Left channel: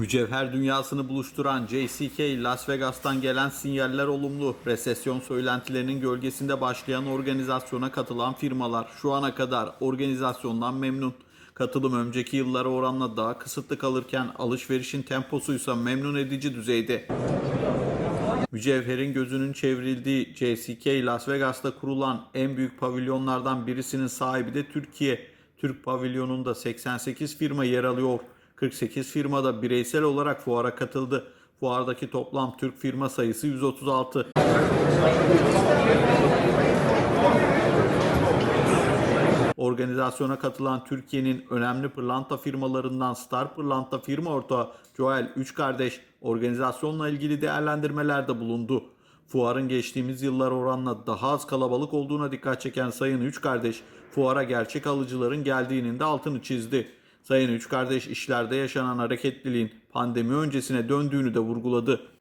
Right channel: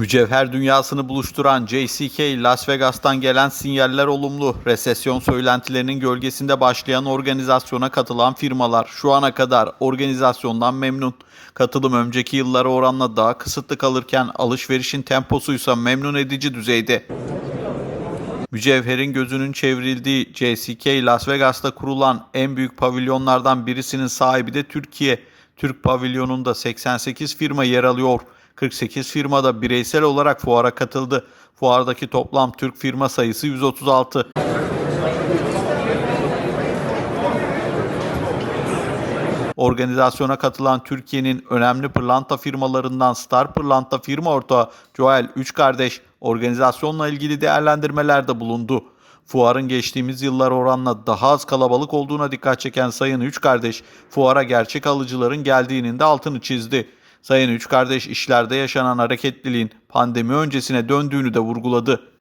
Mücevher dünyasını buluşturan JCK Las Vegas'tan gelen sinyaller olumlu. Resesyon söylentilerinin gölgesinde başlayan organizasyona katılan firmalar şu ana kadar organizasyondan memnun. Katılım önceki yıllara oranla daha kısıtlı kalırken alışverişin temposuysa memnun edici düzeyde. Mücevherin gözünün çevrildiği JCK Las Vegas'ta kurulan en büyük pavilyonlardan birisinin sahibi de Türkiye. Türk pavilyonunda 88 firma yer alıyor. 48 firma da bireysel olarak fuara katıldı. Fuardaki toplam Türk firma sayısı 136. Organizasyona katılan Türkiye'nin önemli pırlanta firmalarından Star Pırlanta firma ortağı Joel Üç Kardeş organizasyonla ilgili değerlendirmelerde bulundu. Fuarın geçtiğimiz yıllar oranla daha az kalabalık olduğuna dikkat çeken Sayın Üç Kardeş, fuara gerçek alıcıların geldiğinin de altını çizdi. Sayın Üç Kardeş işlerde yaşanan hareketliliğin pandemi öncesine döndüğünü de vurguladı.